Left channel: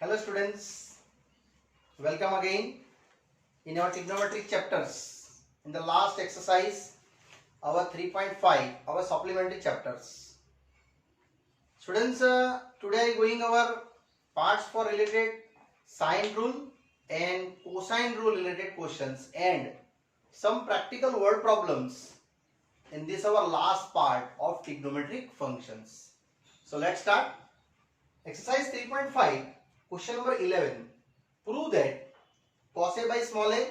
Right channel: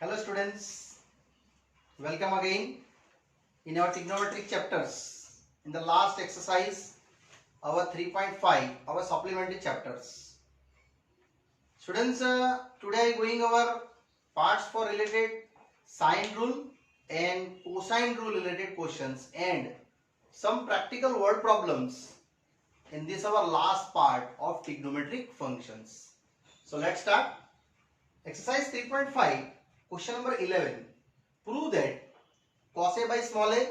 Hello students, welcome again in our trigonometric chapters. In the last exercise, our 3.5, our supplementary chapters. Students, today going over parts for related sine rule and cosine rule related questions and some practical word problems in this our last part of trigonometric functions. So let's start. Exercise 3.5, question number 11. Prove that cos A by small a,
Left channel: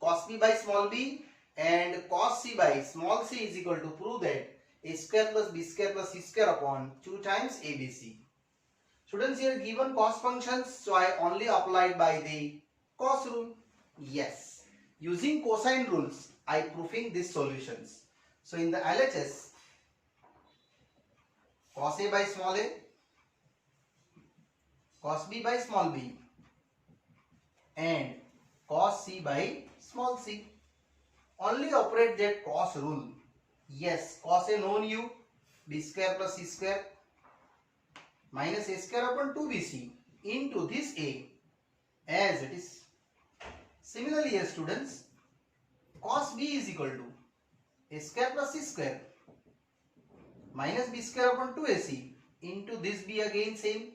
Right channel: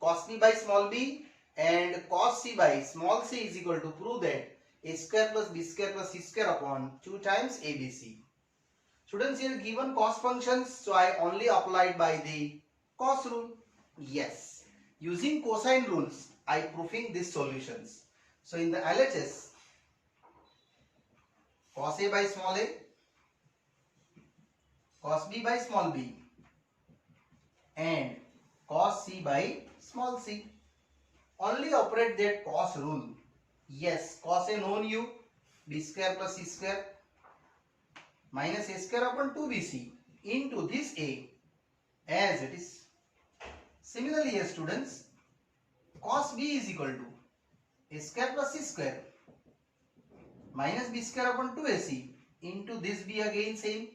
cos B by small b and cos C by small c is equal to prove that a square plus b square plus c square upon 2 times abc. Students, here given cos functions, so I only applied by the cos rule. Yes, using cosine rules I proving these solutions. So in the LHS, cos A by small a, cos B by small b and cos C by small c. Only operate that cos rule. Yes, cos A known you, b square plus c square minus a square upon 2bc into this a as it is. Similarly, here students, cos b is equal to a square plus c square minus b square upon 2ac into this b again same,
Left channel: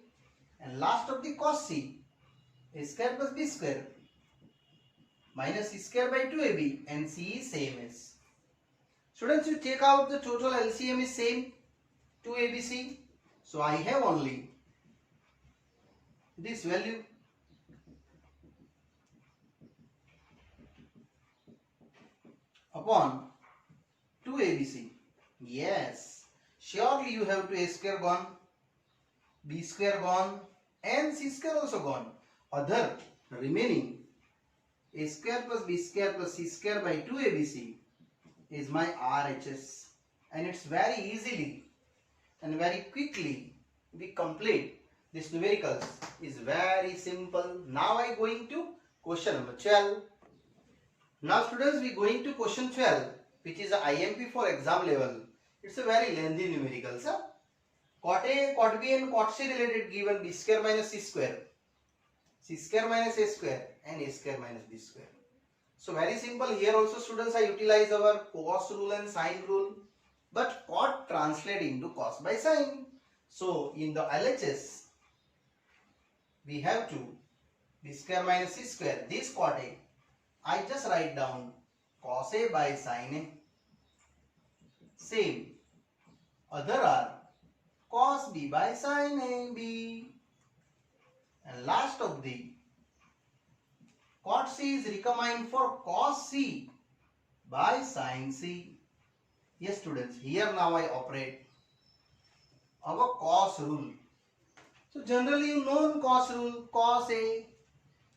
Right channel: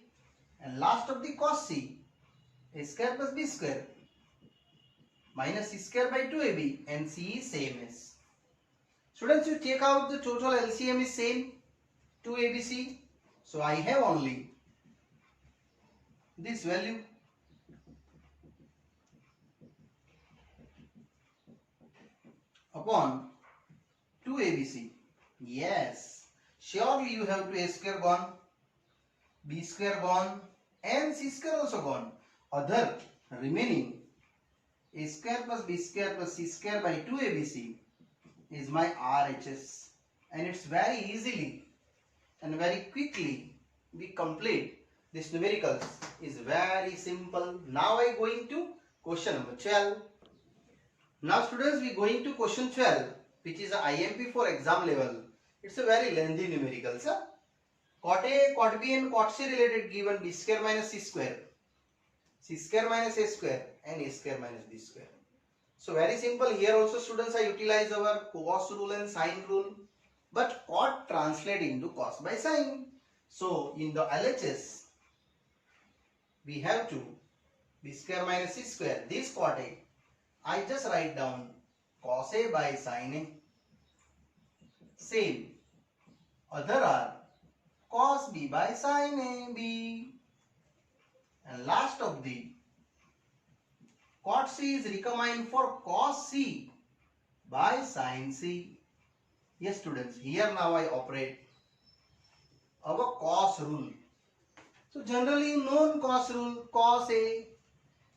and last of the cos c, a square plus b square minus c square by 2ab and c is same as. Students, you take out the total LCM is same 2abc, so I have only this value upon 2abc. Yes, surely you have to a square gone, b square gone and c square also gone. Other remaining a square plus b square plus c square by 2abc is my RHS, and it's very easily and very quickly we complete this numericals. Is very simple. Now I going to question number 12. Now students, we going to question 12, which is a IMP for exam level. It's a very lengthy numerical, sir. Cot A, cot B and cot C related given b square minus c square, c square minus a square and a square minus b square. So very simple. Here also students, I utilize our cos rule and sine rule, but cot translate into cos by sine. So in the LHS, we have to b square minus c square. This cot A, I just write down cos A by sine A. Same. Other are cos B by sine A B. And last of the cot C is recombined for cos C by sine C. Yes students, here now I operate our cos rule. So generally known cos rule, cos A,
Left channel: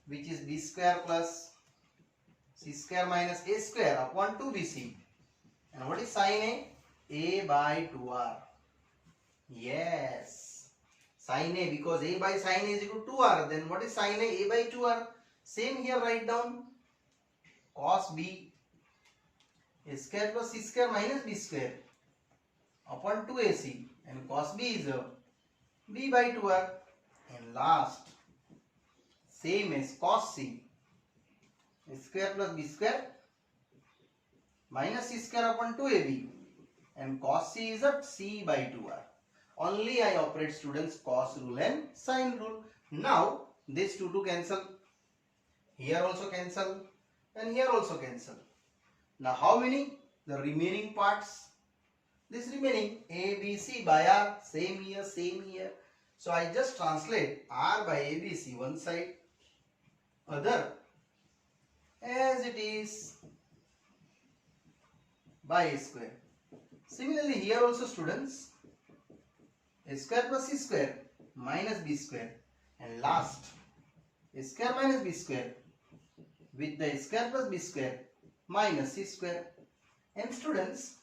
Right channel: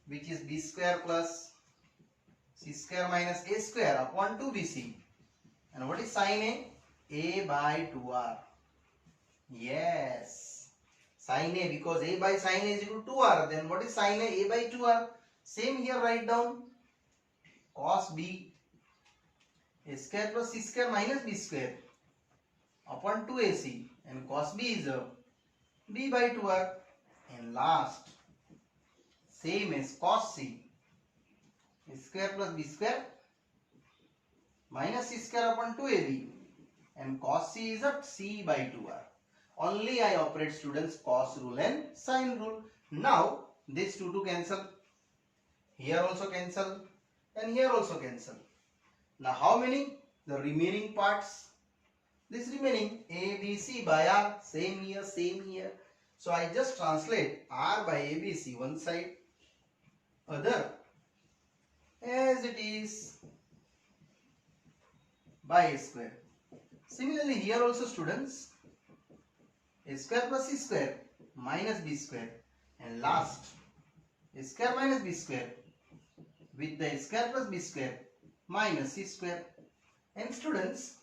which is b square plus c square minus a square upon 2bc. And what is sine A by 2r. Yes, sine A, because a by sine A is equal to 2r. Then what is sine A by 2r? Same here, write down cos B, a square plus c square minus b square upon 2ac, and cos B is b by 2r. And last, same as cos C, a square plus b square minus c square upon 2ab, and cos C is c by 2r. Only I operate students cos rule and sine rule. Now these two to cancel. Here also cancel and here also cancel. Now how many? The remaining parts. This remaining a, b, c by r, same here, same here. So I just translate r by a, b, c one side, other as it is by a square. Similarly here also students, a square plus c square minus b square, and last a square minus b square with the square plus b square minus c square. And students,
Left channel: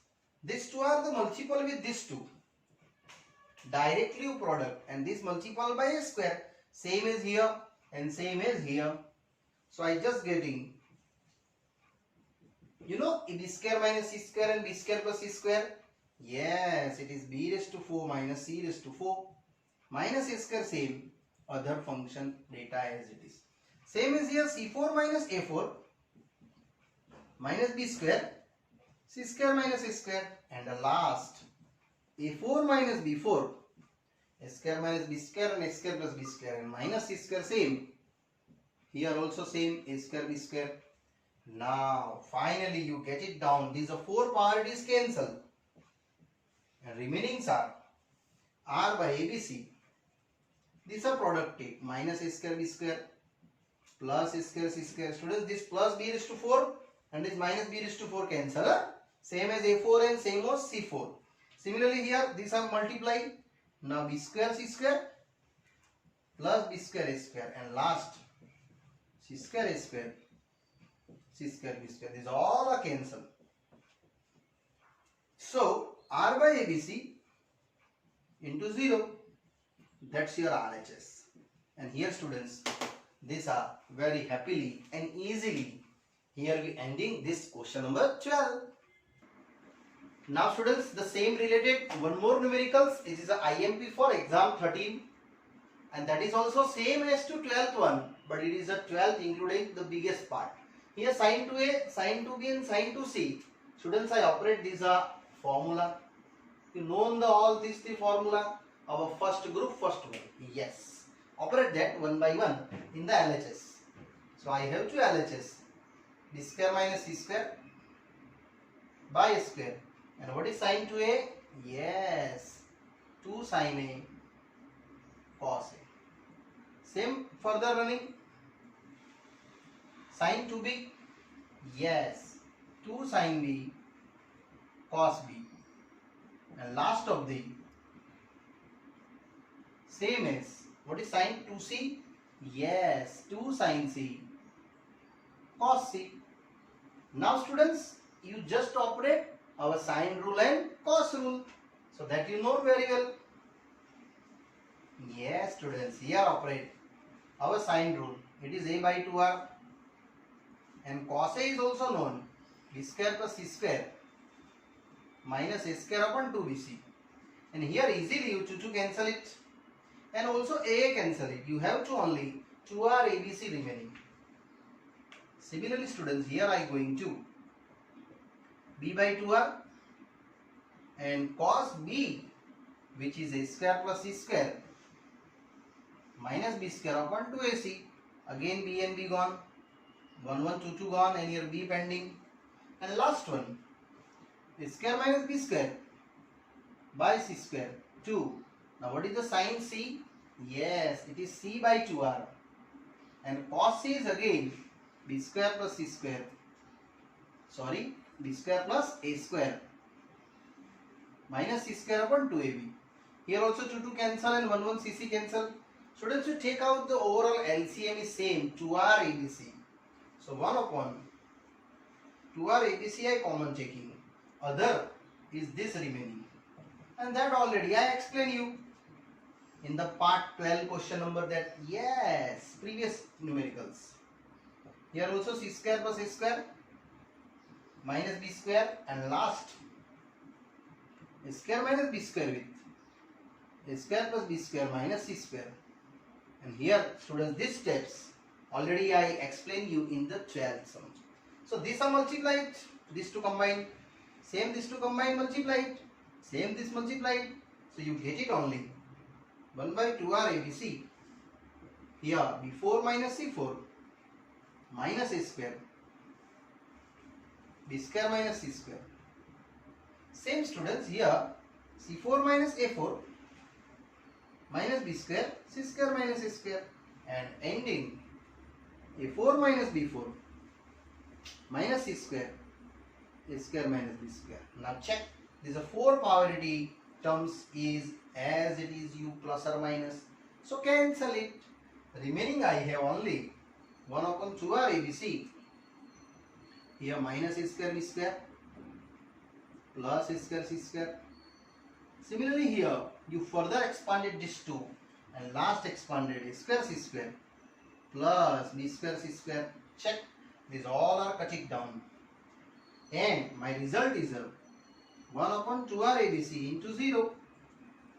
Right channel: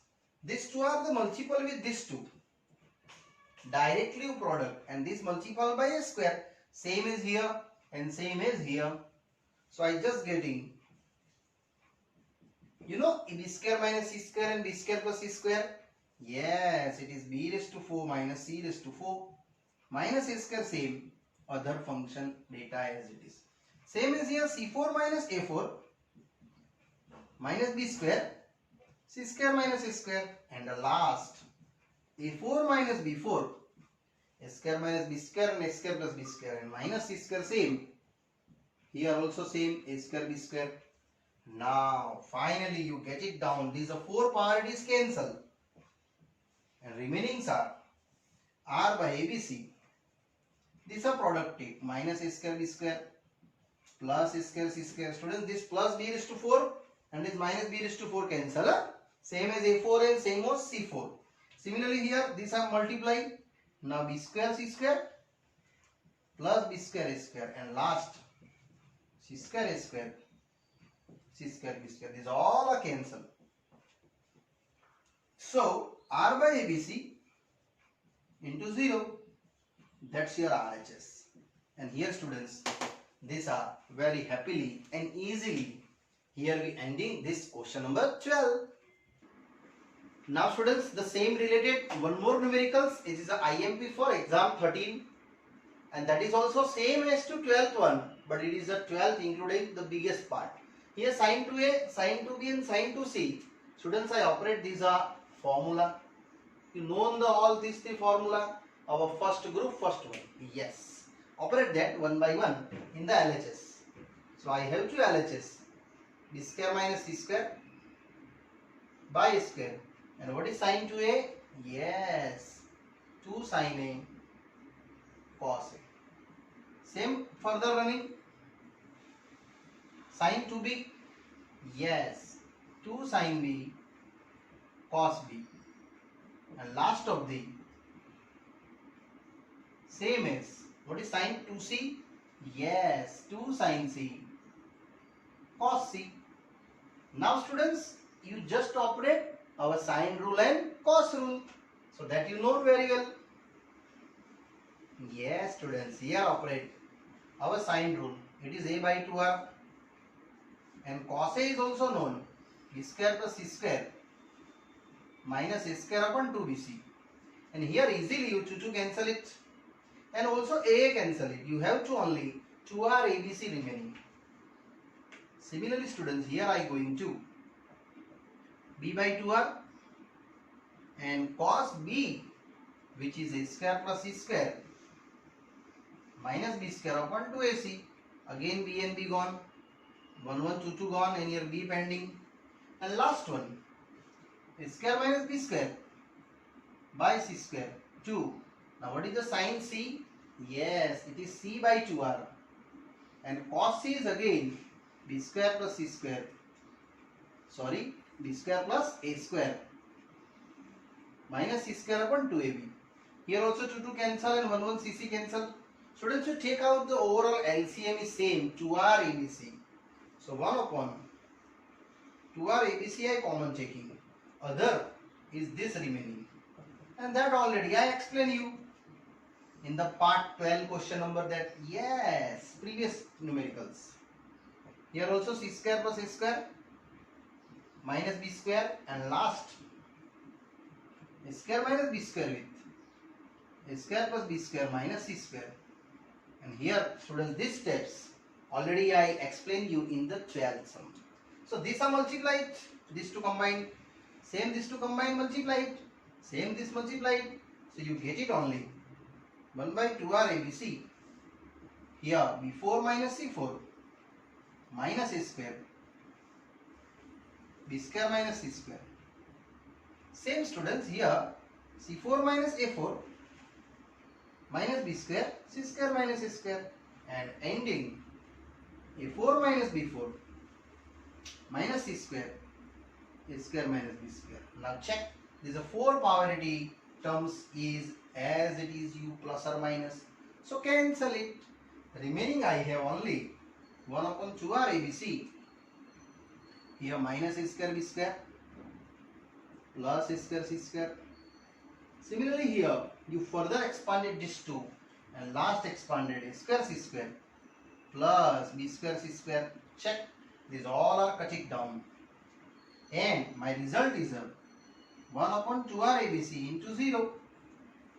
these two are the multiple with these two. Directly product, and this multiple by a square, same as here and same as here. So I just getting, b square minus c square and b square plus c square. Yes, it is b raised to 4 minus c raised to 4 minus a square same other function data as it is. Same is here, C4 minus A4 minus B square, C square minus A square, and the last A4 minus B4, A square minus B square and A square plus B square, and minus C square same. Here also same, A square B square. Now finally you get it down. These are four parties cancel, and remainings are R by ABC. These are productive. Minus A square B square plus A square C square. Students, this plus B raised to 4 and this minus B raised to 4 cancel. Same as A4 and same as C4. Similarly here these are multiplied. Now B square C square plus B square A square, and last C square A square, C square B square. These all are cancelled. So R by ABC into 0. That's your RHS. And here students, these are very happily and easily. Here we ending this question number 12. Now students, the same related one more numericals. It is a IMP for exam 13. And that is also same as to 12th one. But it is a 12th including the biggest part. Here sin 2A, sin 2B and sin 2C. Students, I operate these are formula. You know all these three formula. Our first group, first one. Yes. Operate that one by one in the LHS. So I have two LHS. B square minus C square by A square. And what is sin 2A? Yes. 2 sin A cos A. Same further running. Sin 2B. Yes. 2 sin B cos B. And last of the same as what is sin 2C? Yes, 2 sin C cos C. Now students, you just operate our sine rule and cos rule, so that you know very well. Yes students, here operate our sine rule. It is A by 2R, and cos A is also known, B square plus C square minus A square upon 2BC. And here easily you to cancel it, and also A cancel it. You have to only 2R ABC remaining. Similarly students, here I going to B by 2R and cos B, which is A square plus C square minus B square upon 2AC. Again B and B gone, 1 1 2 2 gone, and here B pending. And last one, A square minus B square by C square 2. Now what is the sin C? Yes, it is C by 2R, and cos C is again B square plus C square, sorry, B square plus A square minus C square upon 2AB. Here also 2 2 cancel and 1 1 CC cancel. Students, you take out the overall LCM is same, 2R ABC. So 1 upon 2R ABC I common taking. Other is this remaining. And that already I explained you in the part 12 question number that, yes, previous numericals. Here also C square plus A square minus B square, and last A square minus B square with A square plus B square minus C square. And here students, these steps already I explained you in the 12th sum. So these are multiplied, these two combined, same these two combined multiplied, same this multiplied. So you get it only 1 by 2R ABC. Here B4 minus C4 minus A square, B square minus C square. Same students, here C4 minus A4 minus B square, C square minus A square, and ending A4 minus B4 minus C square, A square minus B square. Now check, these are 4 polarity terms is as it is, u plus or minus. So cancel it. Remaining I have only 1 upon 2R ABC. Here minus A square B square plus A square C square. Similarly here you further expanded this 2 and last expanded A square C square plus B square C square. Check, these all are cutting down, and my result is 1 upon 2R ABC into 0.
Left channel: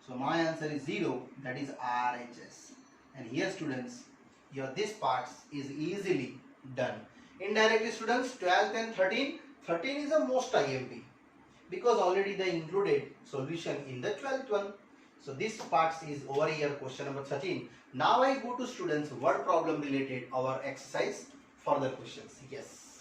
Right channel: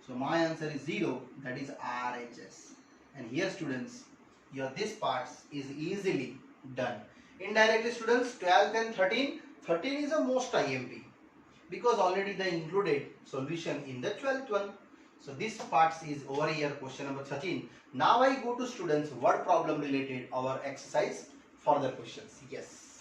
So my answer is 0, that is RHS. And here students, your this parts is easily done. Indirectly students, 12 and 13. 13 is the most IMP because already they included solution in the 12th one. So this parts is over here, question number 13. Now I go to students word problem related our exercise further questions. Yes.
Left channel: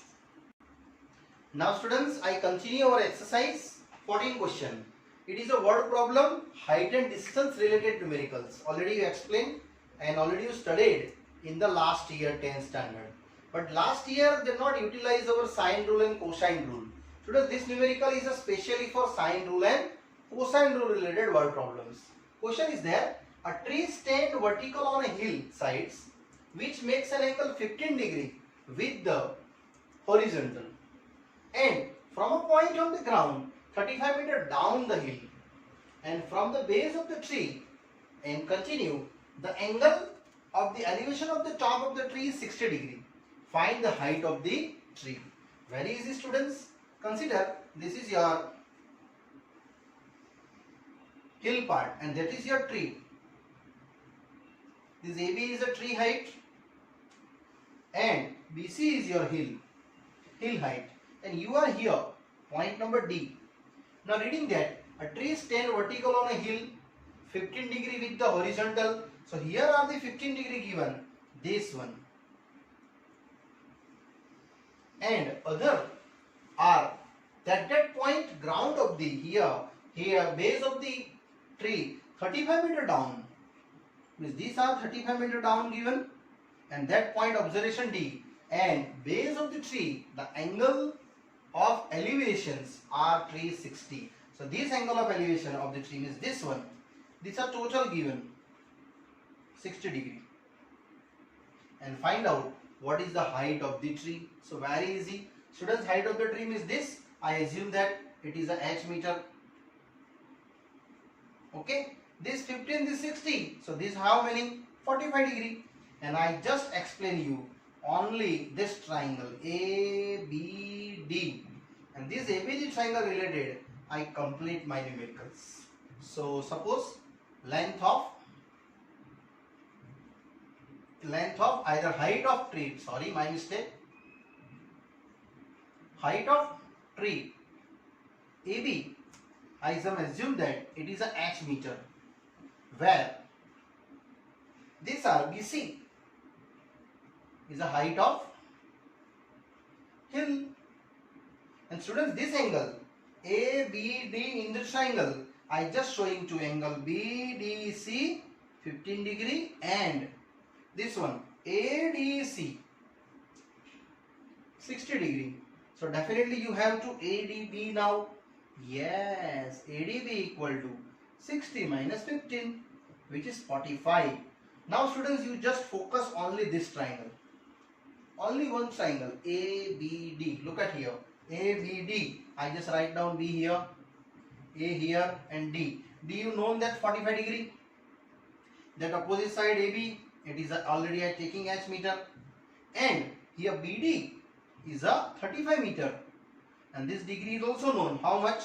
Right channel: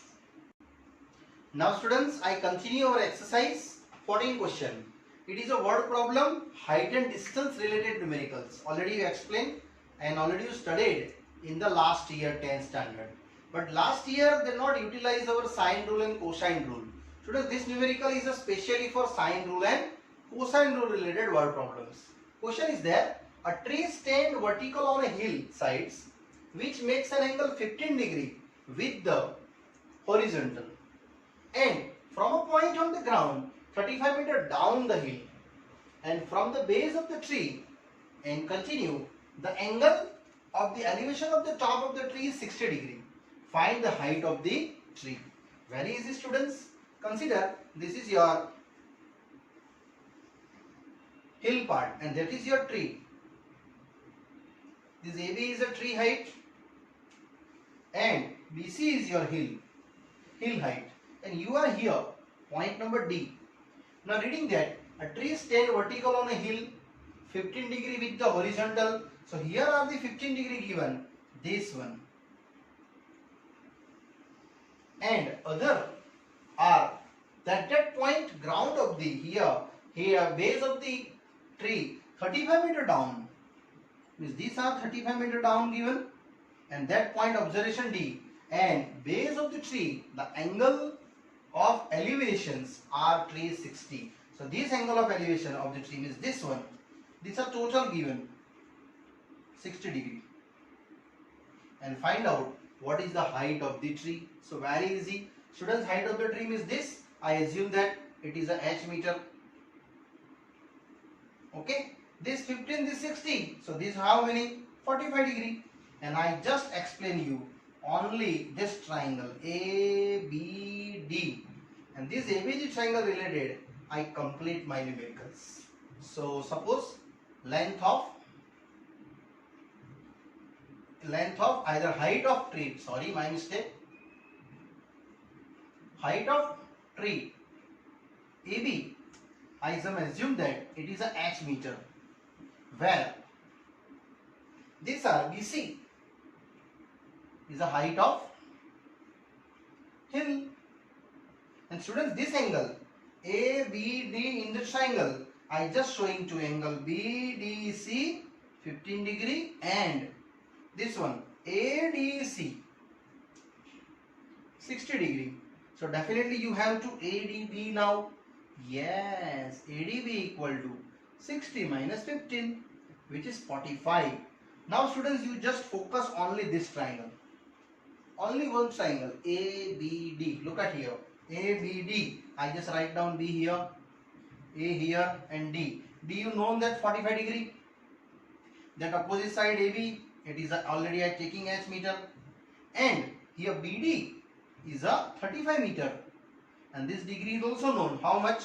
Now students, I continue our exercise 14 question. It is a word problem, height and distance related numericals. Already you explained and already you studied in the last year 10th standard. But last year they not utilize our sine rule and cosine rule. Students, this numerical is especially for sine rule and cosine rule related word problems. Question is there, a tree stand vertical on a hill sides which makes an angle 15 degree with the horizontal, and from a point on the ground 35 meter down the hill, and from the base of the tree and continue, the angle of the elevation of the top of the tree is 60 degree. Find the height of the tree. Very easy students. Consider this is your hill part and that is your tree. This AB is a tree height and BC is your hill height, and you are here, point number D. Now reading that, a tree stand vertical on a hill 15 degree with the horizontal. So here are the 15 degree given, this one, and other are that point ground of the here base of the tree 35 meter down, means these are 35 meter down given, and that point observation D, and base of the tree, the angle of elevations are 360. So this angle of elevation of the tree is this one. These are total given 60 degree, and find out what is the height of the tree. So very easy students, height of the tree is this. I assume that it is a h meter. Okay, this 15, this 60, so this how many? 45 degree. And I just explain you only this triangle ABD, and this ABD triangle related I complete my numericals. So suppose length of either height of tree, sorry my mistake, height of tree AB, I assume that it is a h meter, where this are BC is the height of hill, and students this angle ABD in the triangle I just showing two angle BDC 15 degree and this one ADC 60 degree. So definitely you have to ADB now. Yes, ADB equal to 60 minus 15, which is 45. Now students, you just focus only this triangle. Only one triangle ABD. Look at here. ABD. I just write down B here, A here and D. D you know that 45 degree. That opposite side AB, it is already at taking h meter, and here BD is a 35 meter, and this degree is also known. How much?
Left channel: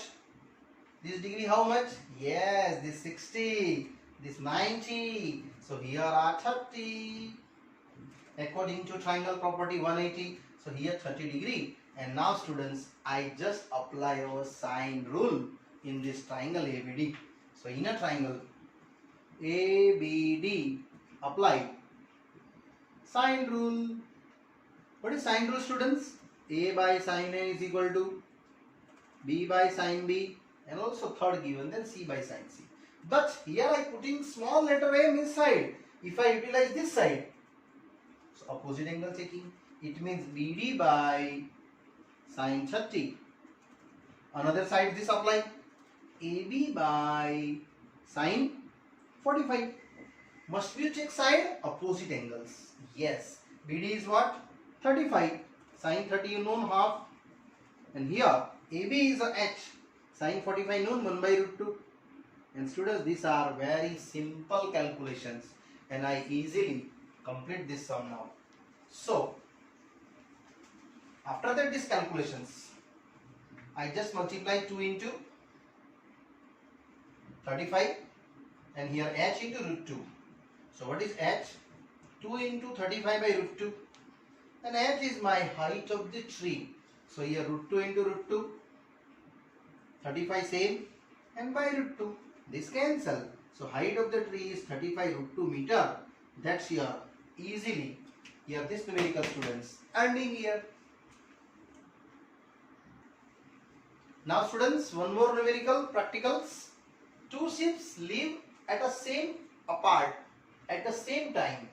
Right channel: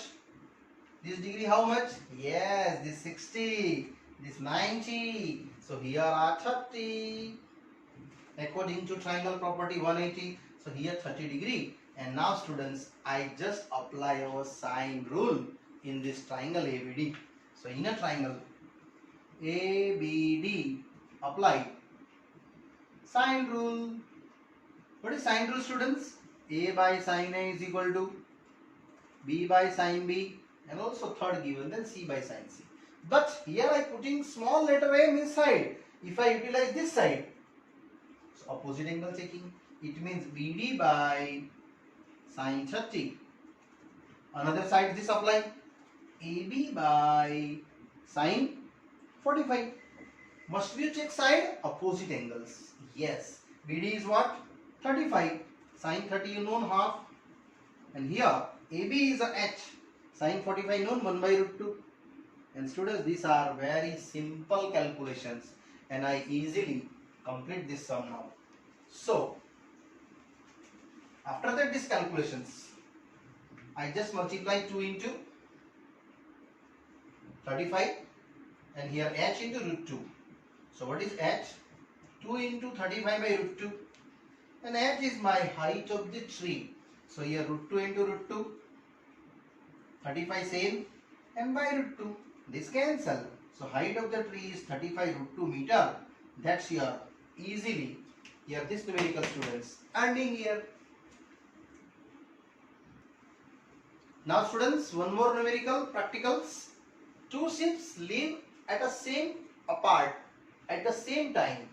This degree how much? Yes, this 60, this 90. So here are 30. According to triangle property 180. So here 30 degree. And now students, I just apply our sine rule in this triangle ABD. So in a triangle ABD, apply sine rule. What is sine rule students? A by sine A is equal to B by sine B, and also third given, then C by sine C. But here I putting small letter M inside. If I utilize this side, so opposite angle checking, it means BD by sine 30. Another side this apply AB by sine 45. Must we check side? Opposite angles. Yes. BD is what? 35. Sine 30 you know half. And here AB is a h. Sine 45 known 1 by root 2. And students, these are very simple calculations, and I easily complete this sum now. So after that these calculations, I just multiply 2 into 35 and here h into root 2. So what is h? 2 into 35 by root 2. And h is my height of the tree. So here root 2 into root 2. 35 same. And by root 2. This cancel. So height of the tree is 35 root 2 meter. That's here easily. Here this numerical students ending here. Now students, one more numerical practicals. Two ships live at the same apart at the same time.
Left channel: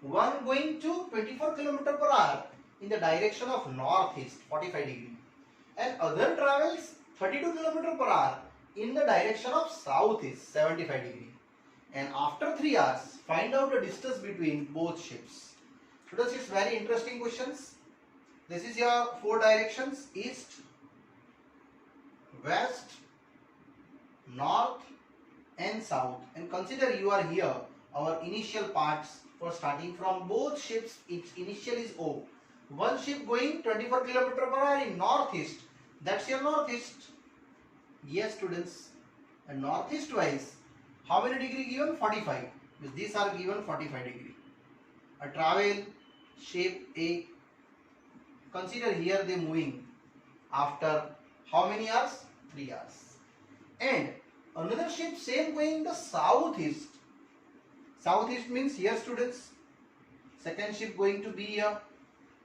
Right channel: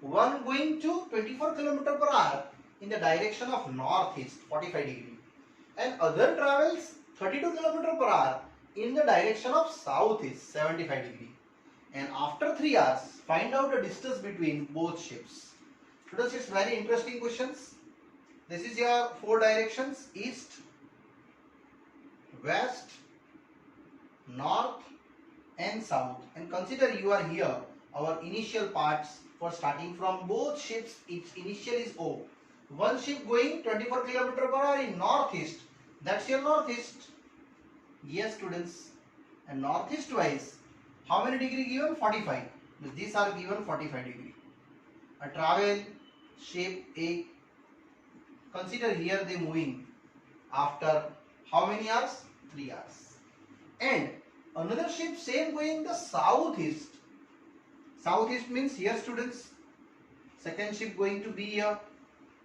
One going to 24 km per hour in the direction of northeast 45 degree and other travels 32 km per hour in the direction of southeast 75 degree. And after 3 hours, find out the distance between both ships. Students, it's very interesting questions. This is your 4 directions: east, west, north and south. And consider you are here. Our initial parts for starting from both ships, its initial is O. One ship going 24 km per hour in northeast. That's your northeast. Yes students. And northeast wise, how many degree given? 45. These are given 45 degree. A travel shape A. Consider here they moving after how many hours? 3 hours. And another ship same going the southeast. Southeast means here students. Second ship going to be here.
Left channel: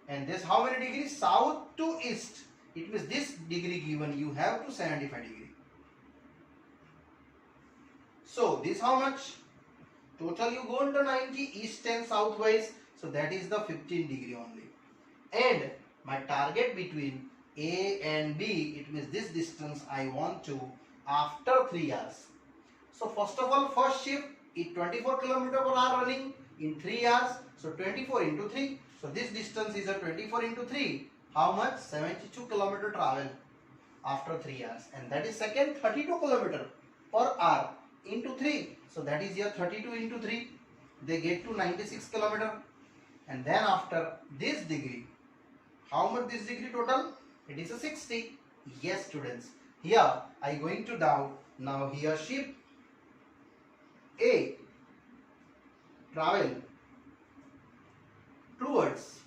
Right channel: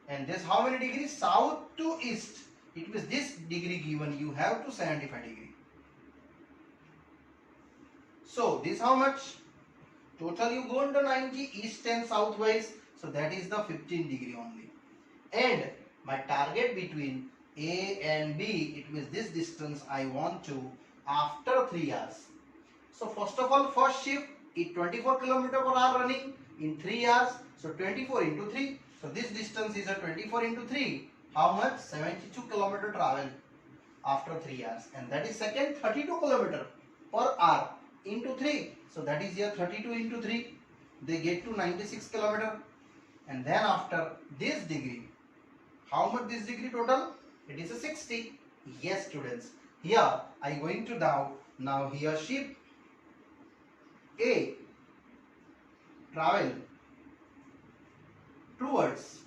And this how many degrees? South to east. It means this degree given you have to 75 degree. So this how much? Total you go into 90 east and southwise. So that is the 15 degree only. And my target between A and B, it means this distance I want to after 3 hours. So first of all, first ship is 24 km per hour running in 3 hours. So 24 into 3. So this distance is a 24 into 3. How much? 72 km travel after 3 hours. And that is second 32 km per hour into 3. So that is here 32 into 3. They get to 96 km. And then after this degree, how much this degree total? It is a 60. Yes students. Here I going to now here ship A travel towards,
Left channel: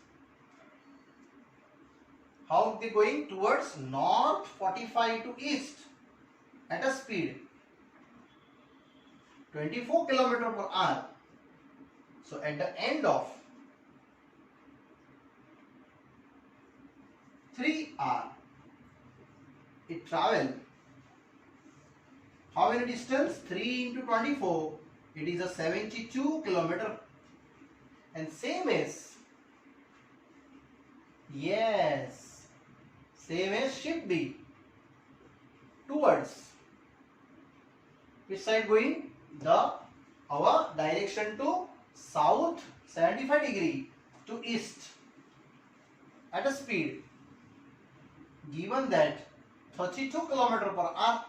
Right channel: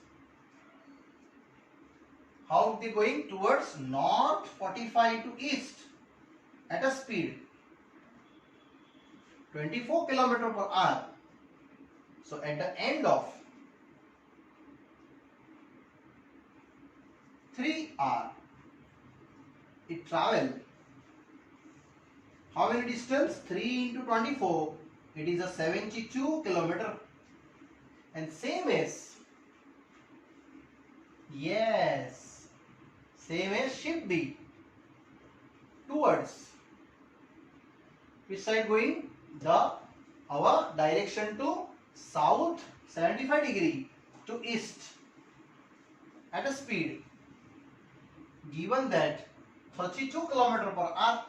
how they going? Towards north 45 to east at a speed 24 km per hour. So at the end of 3 hours, it travel how many distance? 3 into 24. It is a 72 km. And same as, yes, same as ship B towards which side going? Our direction to south 75 degree to east at a speed given that 32 km per hour.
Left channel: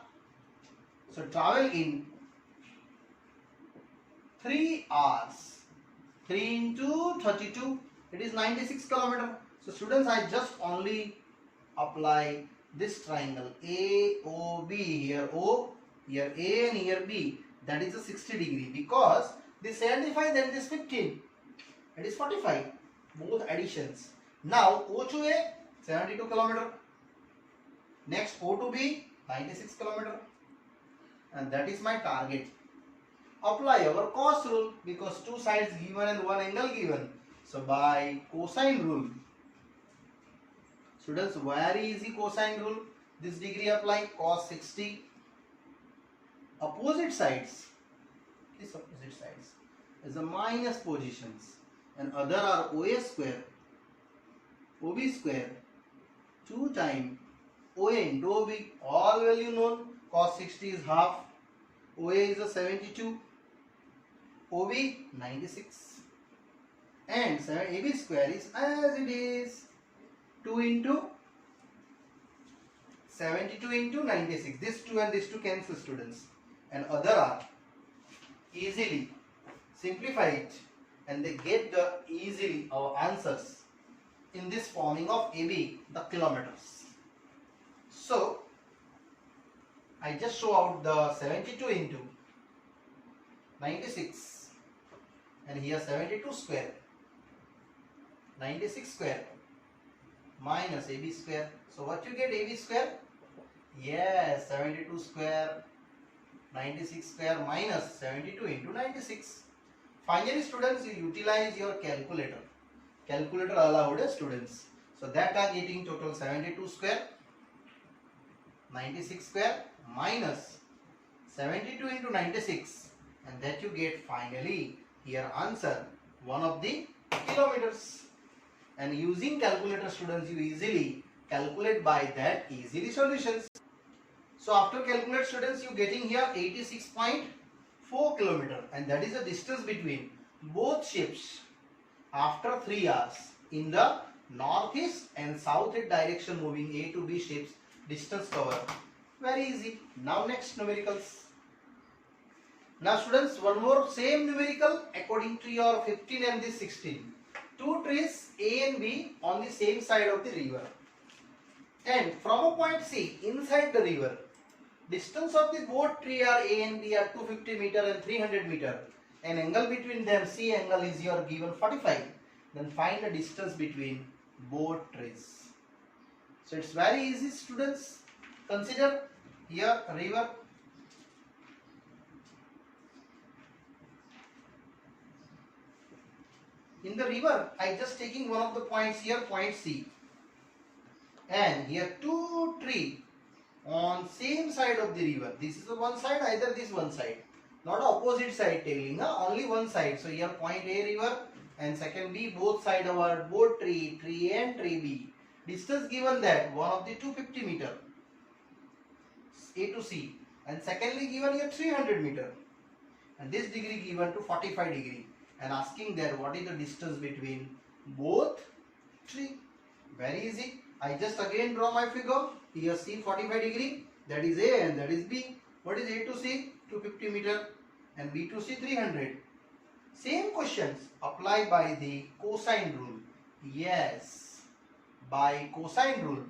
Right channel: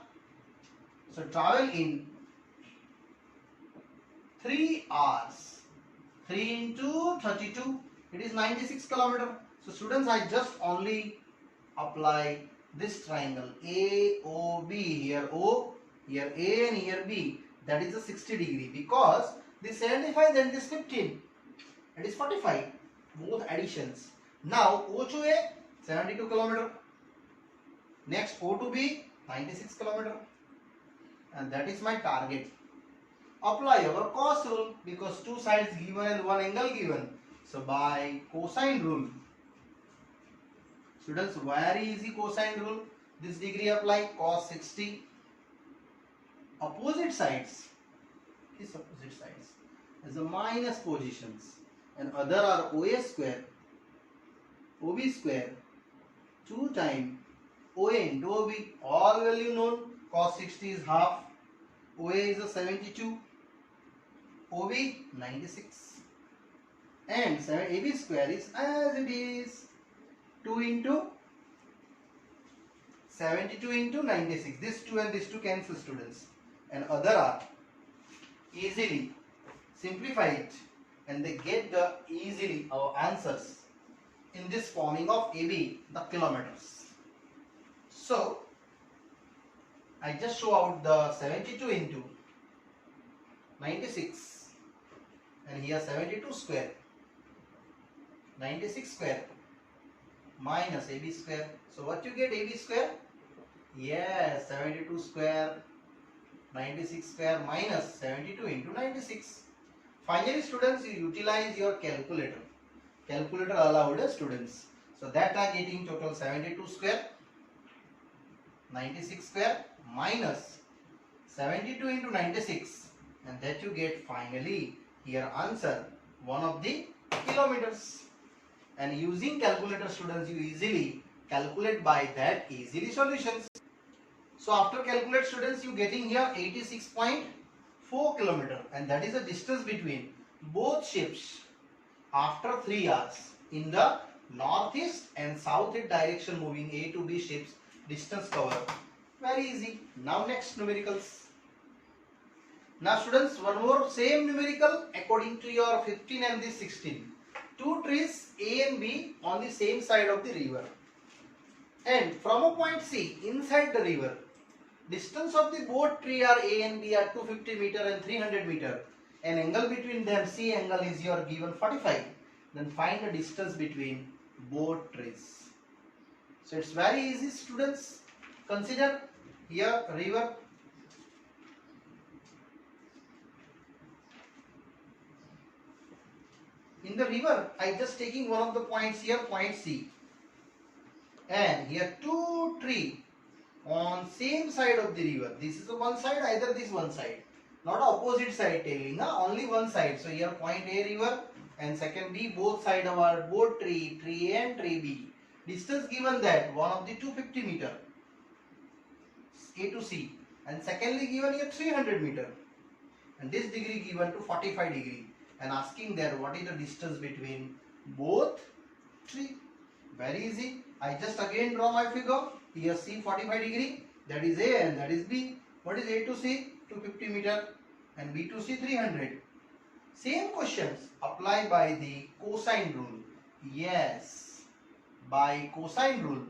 So travel in 3 hours. 3 into 32, it is 96 km. So students, I just only apply this triangle AOB. Here O, here A and here B. That is a 60 degree because this 75 then this 15. It is 45. Both additions. Now O to A 72 km. Next O to B 96 km. And that is my target. Apply our cos rule because two sides given and one angle given. So by cosine rule. Students, very easy cosine rule. This degree apply cos 60. Opposite sides. This opposite sides is the minus positions. And other are OA square, OB square, 2 times OA into OB. All value known. Cos 60 is half. OA is a 72. OB 96. And AB square is as it is. 2 into 72 into 96. This 2 and this 2 cancel students. And other are easily simplify it and they get the easily our answers in this forming of AB, the kilometers. So I just show out the 72 into 96 and here 72 square, 96 square minus AB square. So what you get AB square? Yes, 72 square, 96 square minus 72 into 96. Finally, students, you utilize your calculator. Calculator allowed students. So that are getting total 72 square, 96 square minus 72 into 96, and that you get finally here answer 1 of the kilometers. And using calculator, students, you easily calculate by that easily solutions. So after calculate, students, you getting here 86.4 kilometer, and that is the distance between both ships after 3 hours in the northeast and southeast direction moving A to B ships. Distance cover. Very easy. Now next numericals. Now students, one more same numerical according to your 15 and this 16. Two trees A and B on the same side of the river, and from a point C inside the river, distance of the both tree are A and B are 250 meter and 300 meter, and angle between them, C angle, is your given 45. Then find the distance between both trees. So it's very easy, students. Consider here river. In the river, I just taking one of the points here, point C, and here two tree on same side of the river. This is the one side, either this one side, not opposite side telling, only one side. So here point A river and second B, both side of our both tree A and tree B. Distance given that one of the 250 meter A to C, and secondly given here 300 meter, and this degree given to 45 degree, and asking there what is the distance between both tree. Very easy. I just again draw my figure. Here C 45 degree, that is A and that is B. What is A to C? 250 meter, and B to C 300. Same questions apply by the cosine rule. Yes, by cosine rule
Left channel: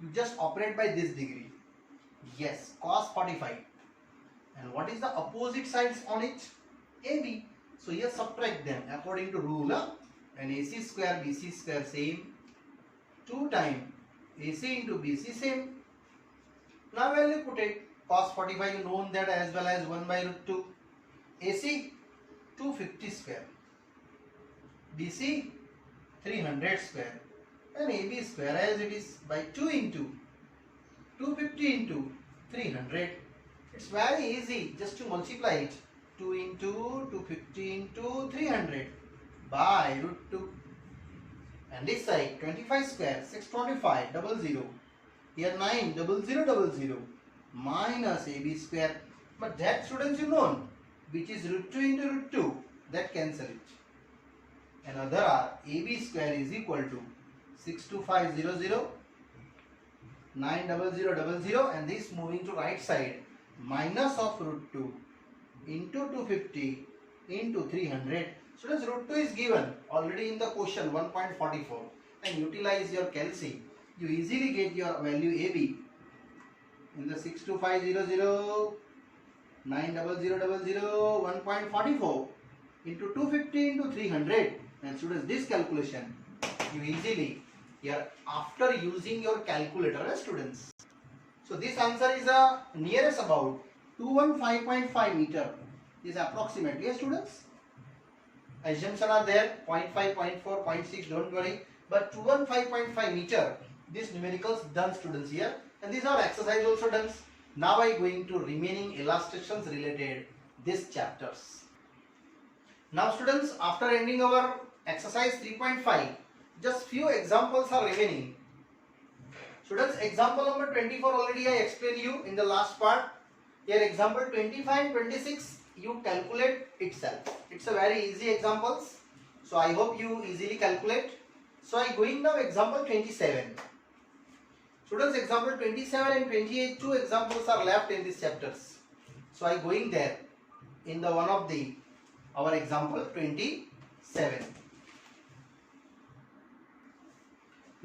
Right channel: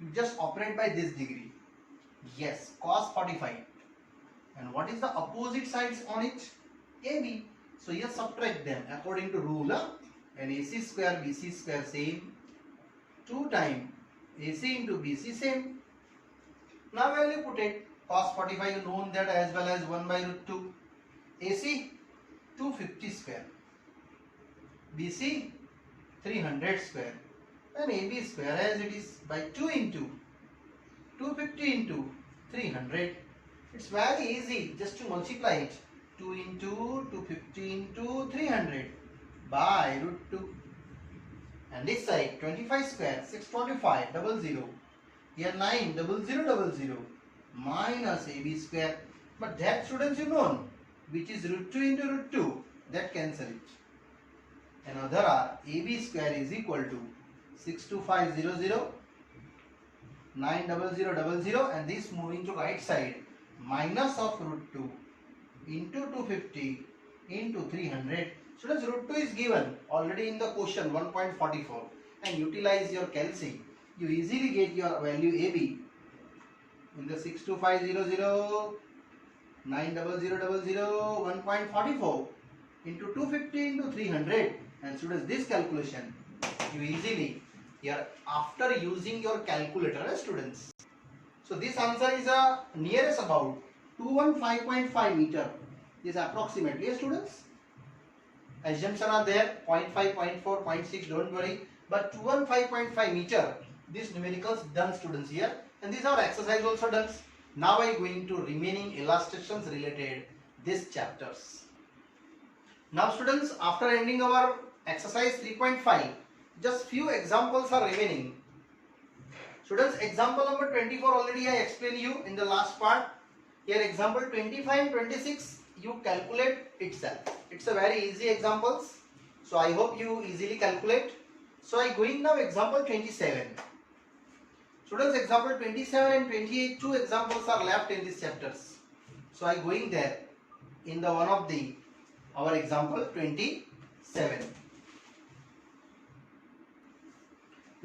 you just operate by this degree. Yes, cos 45. And what is the opposite sides on it? AB. So here subtract them according to rule. And AC square BC square same. 2 times AC into BC same. Now value put it. Cos 45 known that as well as 1 by root 2. AC 250 square. BC 300 square. And AB square as it is by 2 into 250 into 300. It's very easy just to multiply it. 2 into 250 into 300 by root 2. And this side 25 square 625 00. Here 9 0000 minus AB square. But that, students, you know which is root 2 into root 2. That cancel it. And other are AB square is equal to 62500 90000, and this moving to right side minus of root 2 into 250 into 300. Students, root 2 is given already in the question 1.44, and utilize your calci. You easily get your value AB in the 62500 90000 1.44 into 250 into 300. And students, this calculation you easily here after using your calculator, students. So this answer is nearest about 215.5 meter. Is approximately, students. Assumption are there 0.5, 0.4, 0.6. Don't worry. But 215.5 meter. This numericals done, students, here, and these are exercise also done. Now I going to remaining illustrations related these chapters. Now, students, after ending our exercise 3.5, just few examples are remaining. Students, example number 24 already I explained you in the last part. Here example 25, 26 you calculate itself. It's a very easy examples. So I hope you easily calculate. So I going now example 27. Students, example 27 and 28, two examples are left in these chapters. So I going there in the one of the our example 27.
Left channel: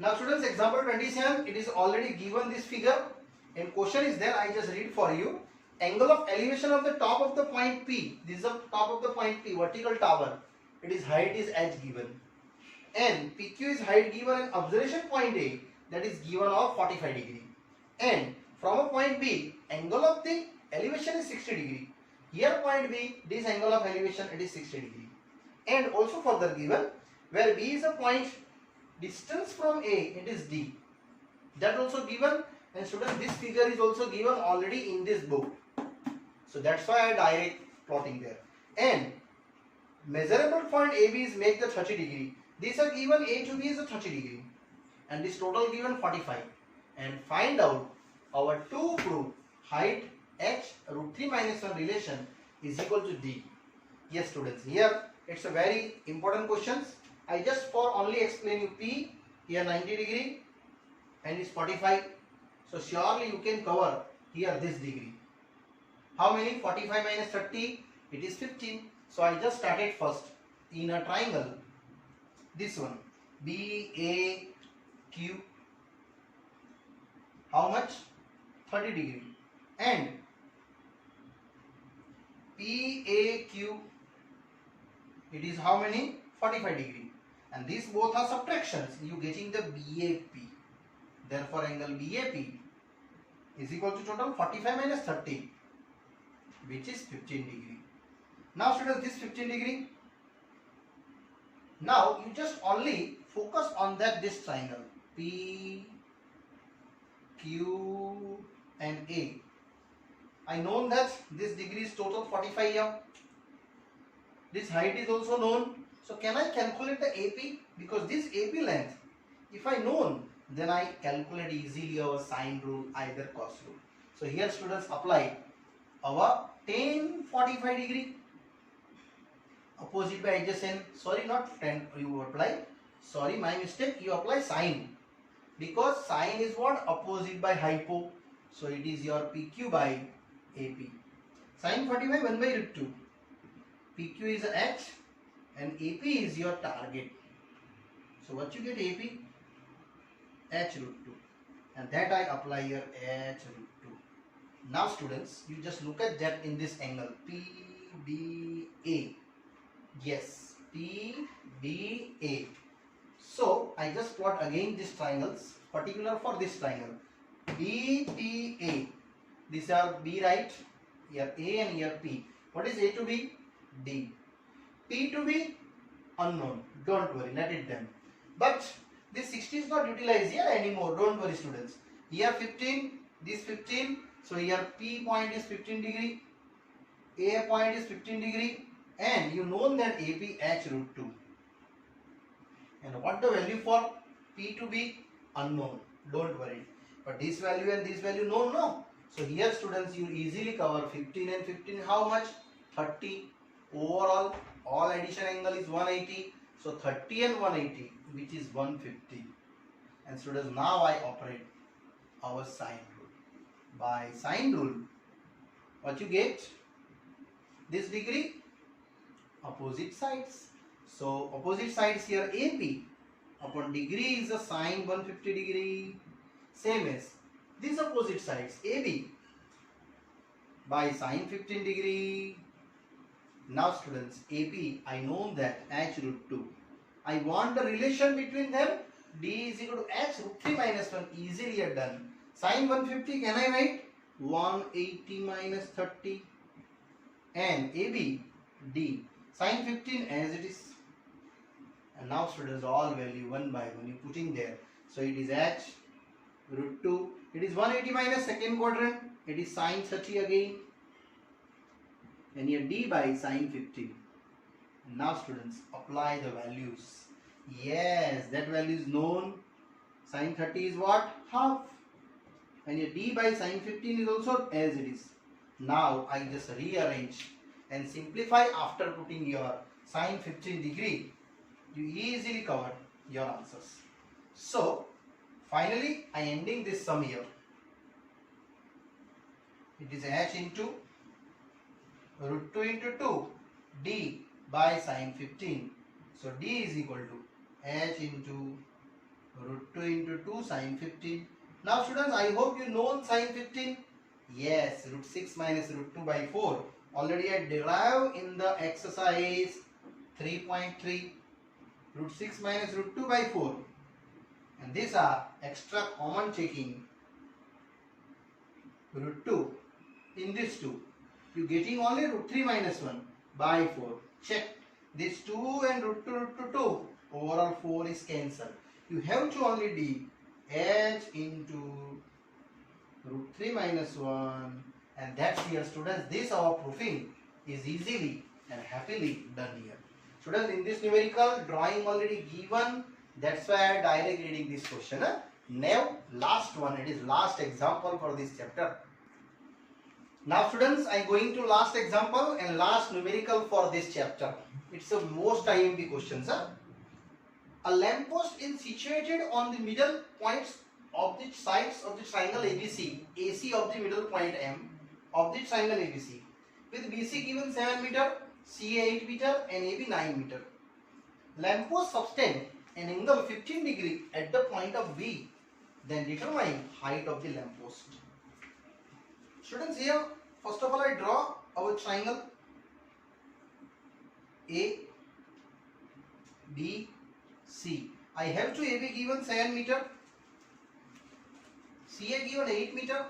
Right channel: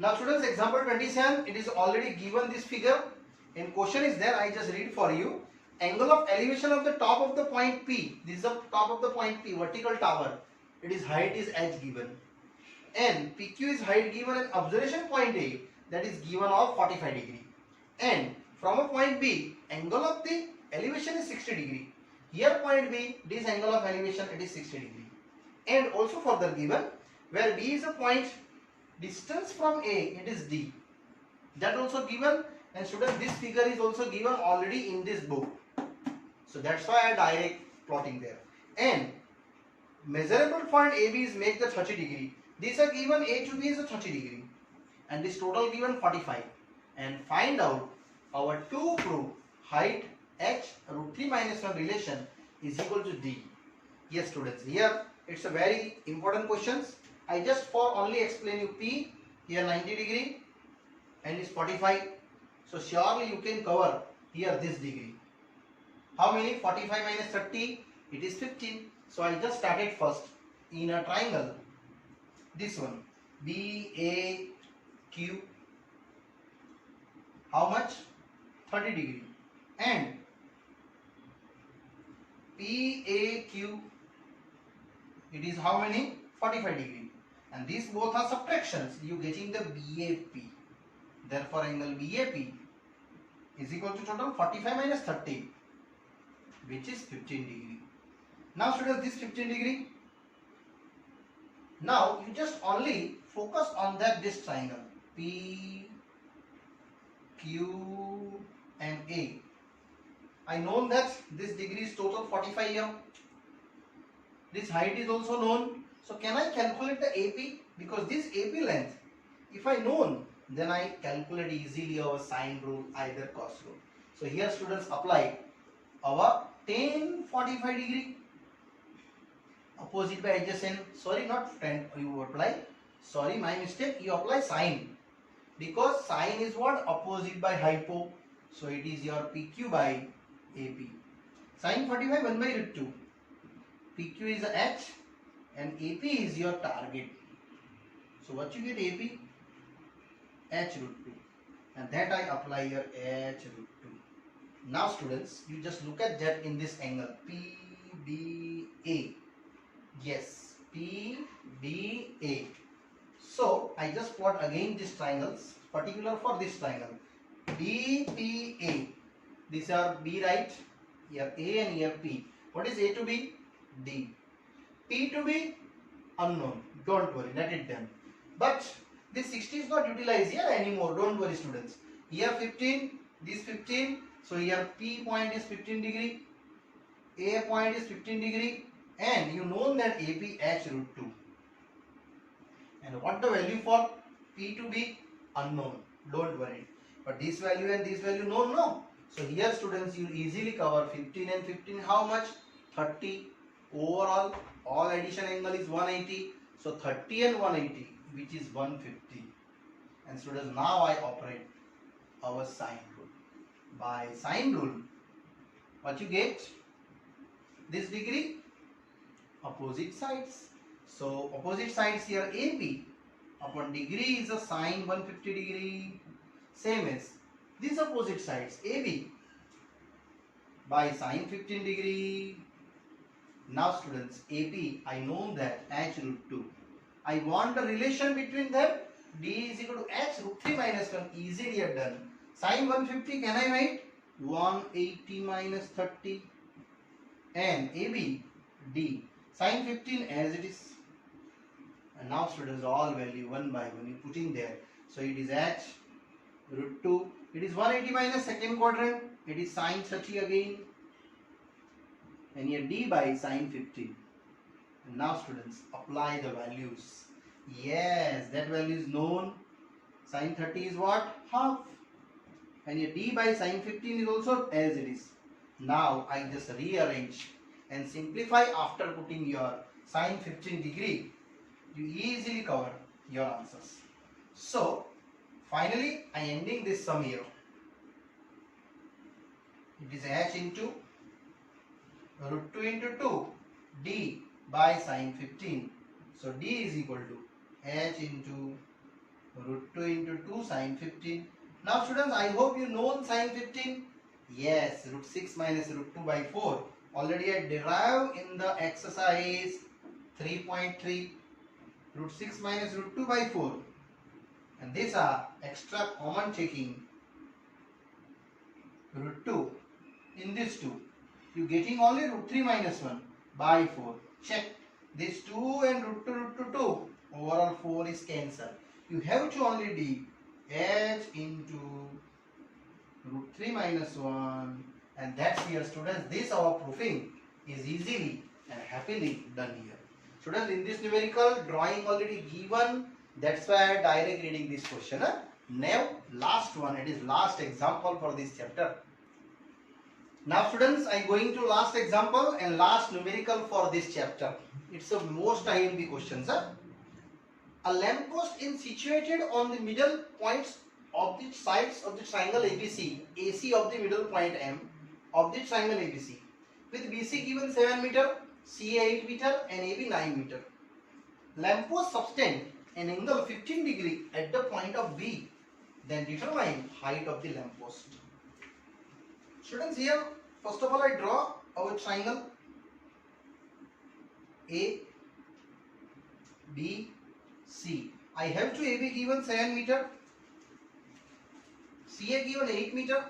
Now students, example 27, it is already given this figure and question is there. I just read for you. angle of elevation of the top of the point P. This is the top of the point P, vertical tower. It is height is h given. And PQ is height given and observation point A, that is given of 45 degree. And from a point B, angle of the elevation is 60 degree. Here point B, this angle of elevation, it is 60 degree. And also further given, where B is a point, distance from A, it is D. That also given, and students, this figure is also given already in this book. So that's why I direct plotting there. And measurable point AB is make the 30 degree. These are given, A to B is a 30 degree. And this total given 45. And find out our to prove height h root 3 minus 1 relation is equal to D. Yes students, here it's a very important questions. I just for only explain you P, here 90 degree and is 45. So surely you can cover here this degree. How many? 45 minus 30, it is 15. So I just started first in a triangle. This one, BAQ, how much? 30 degree. And PAQ, it is how many? 45 degree. And these both are subtractions. You getting the BAP. Therefore angle BAP is equal to total 45 minus 30, which is 15 degree. Now students, this 15 degree. Now you just only focus on that this triangle P, Q and A. I know that this degree is total 45 here. This height is also known. So can I calculate the AP? Because this AP length, if I known, then I calculate easily our sine rule, either cos rule. So here students apply our tan 45 degree. Opposite by adjacent, sorry, not 10, you apply, sorry, my mistake, you apply sine, because sine is what? Opposite by hypo. So it is your PQ by AP. Sine 45 1 by root 2. PQ is h and AP is your target. So what you get? AP h root 2, and that I apply your h root 2. Now students, you just look at that in this angle PBA. Yes, PBA. So I just plot again these triangles, particular for this triangle BPA. These are B, right? Here A and here P. What is A to B? D. P to B? Unknown. Don't worry, let it done. But this 60 is not utilized here anymore. Don't worry students. Here 15, this 15. So here P point is 15 degree. A point is 15 degree. And you know that AB h root 2. And what the value for P to be? Unknown. Don't worry. But this value and this value known, no. So here students, you easily cover 15 and 15. How much? 30. Overall, all addition angle is 180. So 30 and 180, which is 150. And students, now I operate our sine rule. By sine rule, what you get? This degree, opposite sides. So opposite sides here AP upon degree is a sine 150 degree. Same as these opposite sides AB by sine 15 degree. Now students, AP, I know that h root 2. I want the relation between them. D is equal to h root 3 minus 1. Easily done. Sine 150, can I write? 180 minus 30. And AB, D. Sine 15 as it is. And now students, all value one by one you put in there. So it is h root 2. It is 180 minus second quadrant. It is sine 30 again. And here D by sine 15. And now students, apply the values. Yes, that value is known. Sine 30 is what? Half. And here D by sine 15 is also as it is. Now I just rearrange and simplify after putting your sine 15 degree. You easily cover your answers. So finally I ending this sum here. It is h into root 2 into 2 D by sine 15. So D is equal to h into root 2 into 2 sine 15. Now students, I hope you know sine 15. Yes, root 6 minus root 2 by 4. Already I derived in the exercise 3.3. Root 6 minus root 2 by 4. And these are extra common checking. Root 2 in this 2. You getting only root 3 minus 1 by 4. Check. This 2 and root 2. Overall 4 is cancelled. You have to only do h into root 3 minus 1, and that's here, students. This our proving is easily and happily done here. Students, in this numerical drawing already given, that's why I direct reading this question. Now last one, it is last example for this chapter. Now students, I going to last example and last numerical for this chapter. It's a most IMP question, sir. A lamppost is situated on the middle points of the sides of the triangle ABC, AC of the middle point M of the triangle ABC, with BC given 7 meter, CA 8 meter and AB 9 meter. Lamppost subtend an angle 15 degree at the point of B, then determine height of the lamppost. Students, here first of all I draw our triangle A, B, C. I have to AB given 7 meter, CA given 8 meter,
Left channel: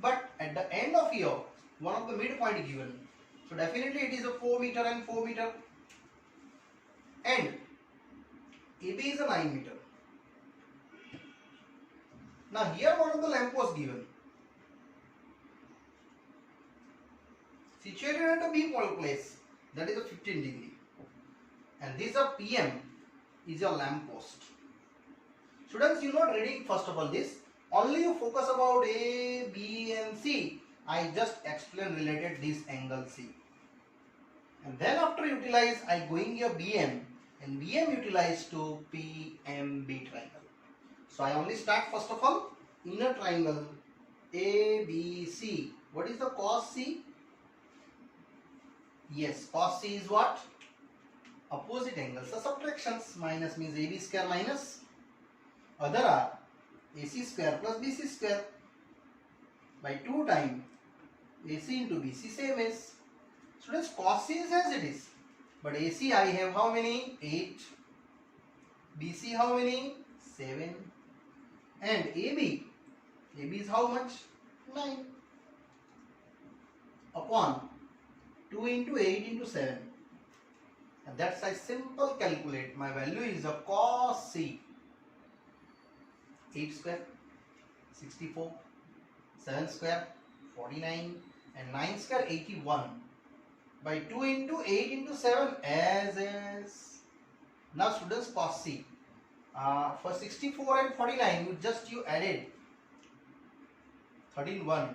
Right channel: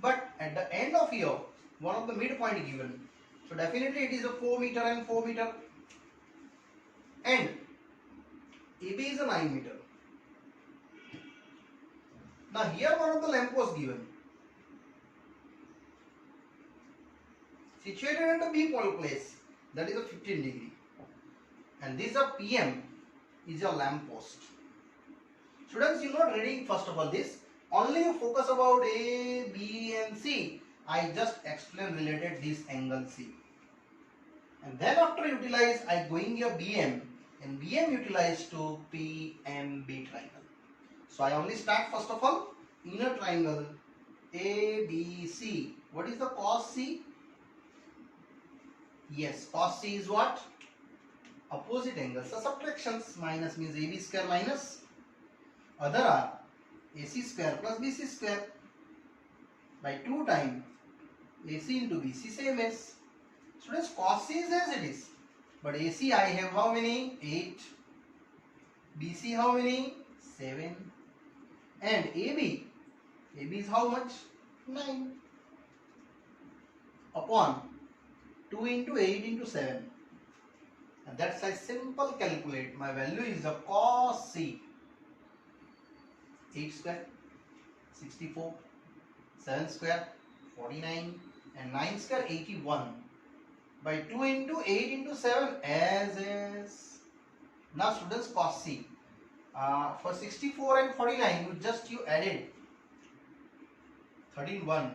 but at the end of here, one of the midpoint given. So definitely it is a 4 meter and 4 meter, and AB is a 9 meter. Now here one of the lamppost given, situated at a B point place, that is a 15 degree, and this a PM is a lamppost. Students, you not reading first of all this, only you focus about A, B and C. I just explain related this angle C, and then after utilize I going here BM, and BM utilize to PMB triangle. So I only start first of all inner triangle ABC. What is the cos C? Yes, cos C is what? Opposite angles. So subtractions, minus means AB square minus other are AC square plus BC square by 2 times AC into BC, same as. Students, cos C is as it is, but AC I have how many? 8. BC how many? 7. And AB is how much? 9 upon 2 into 8 into 7. And that's I simple calculate. My value is a cos C. 8 square 64, 7 square 49 and 9 square 81 by 2 into 8 into 7 as is. Now students, cos C for 64 and 49 you added 13 1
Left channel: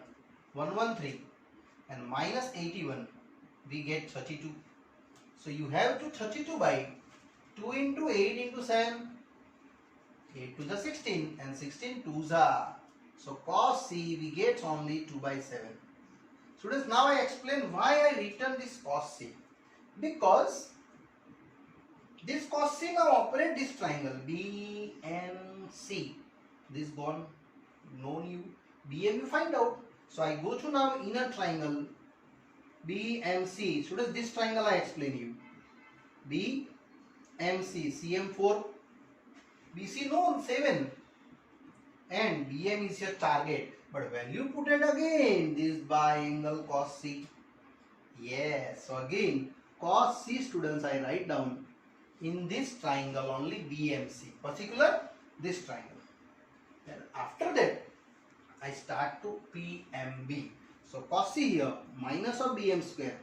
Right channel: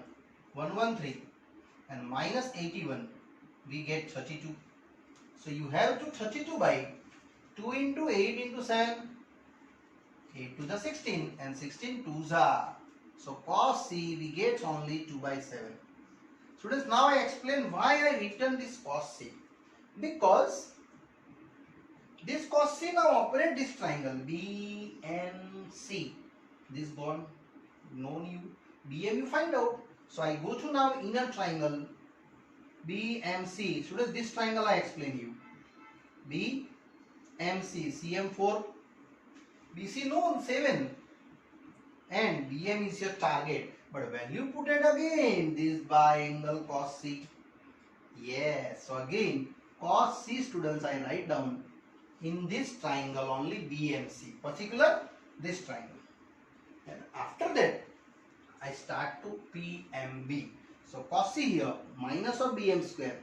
113 and minus 81, we get 32. So you have to 32 by 2 into 8 into 7, 8 to the 16 and 16 2s are. So cos C we get only 2 by 7. Students, now I explain why I written this cos C. Because this cos C now operate this triangle BNC. This gone, no new. BM you find out. So I go to now inner triangle BMC. Students, this triangle I explain you. BMC, CM4, BC known 7, and BM is your target. But when you put it again, this by angle cos C. Yes, so again cos C, students, I write down in this triangle only BMC, particular this triangle. And after that I start to PMB. So cos C here minus of BM square,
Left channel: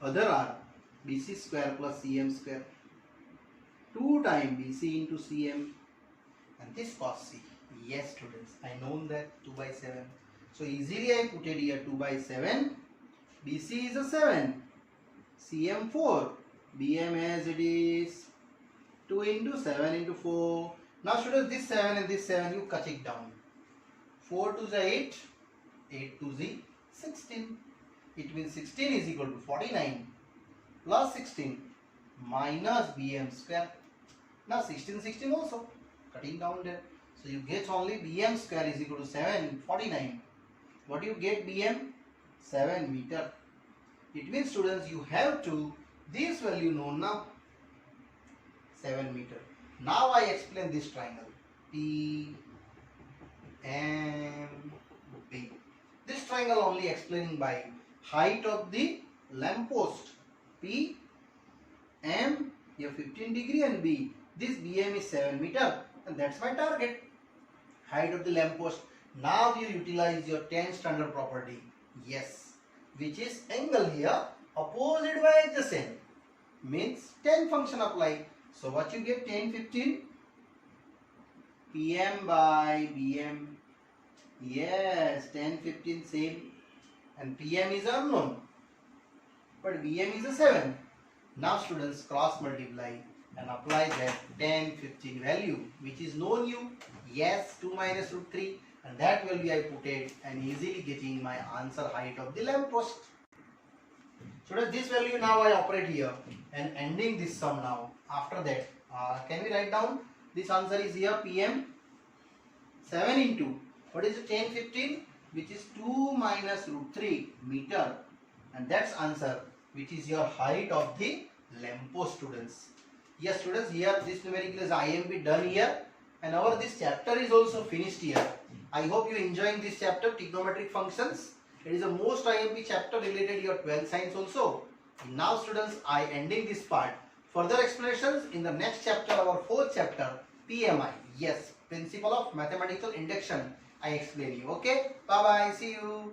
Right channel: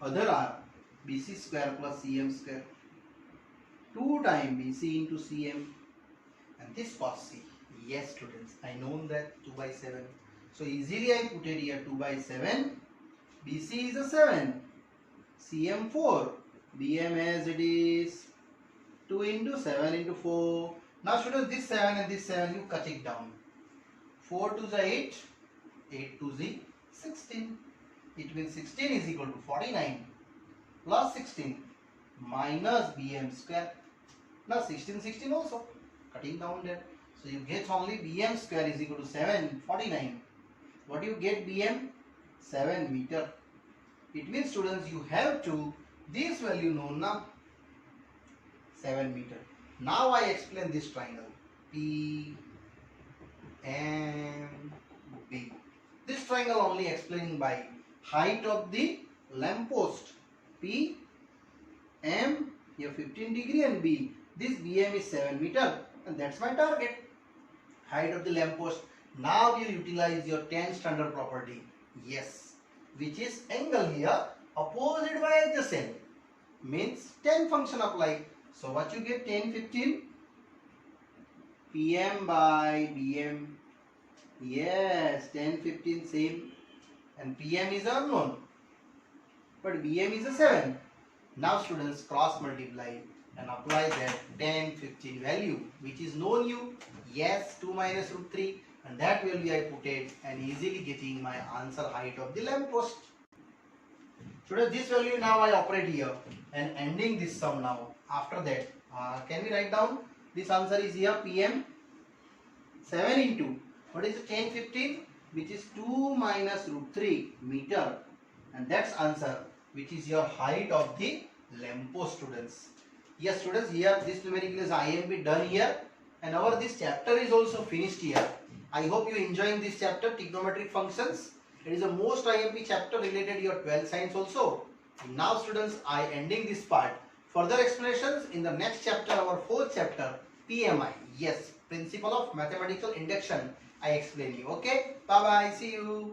other are BC square plus CM square, 2 times BC into CM, and this cos C. Yes students, I know that 2 by 7. So easily I put it here 2 by 7. BC is a 7, CM 4, BM as it is 2 into 7 into 4. Now students, this 7 and this 7 you cut it down. 4 to the 8, 8 to the 16. It means 16 is equal to 49 plus 16 minus BM square. Now 16 also cutting down there. So you get only BM square is equal to 749 What do you get BM? 7 meter. It means students you have to this value known now 7 meter. Now I explain this triangle P and B. This triangle only explaining by height of the lamp post P M here 15 degree and B. This BM is 7 meter and that's my target. Height of the lamp post. Now you utilize your 10 standard property. Yes, which is angle here opposite by adjacent means 10 function apply. So what you get 10 15 PM by BM. Yes, 10 15 same and PM is unknown but BM is a 7. Now students cross multiply and apply that 10 15 value which is known you. Yes, 2 minus root 3 and that value I put it and easily getting my answer height of the lamp post. Students, this value now I operate here and ending this sum now. After that, can we write down this answer is here PM 7 into what is it 10 15 which is 2 minus root 3 meter and that's answer which is your height of the lamp post students. Yes students, here this numerical is IMP done here and our this chapter is also finished here. I hope you enjoying this chapter trigonometric functions. It is the most IMP chapter related to your 12th science also. Now students, I ending this part. Further explanations in the next chapter, our 4th chapter PMI. Yes, principle of mathematical induction. I explain you. Okay, bye bye, see you.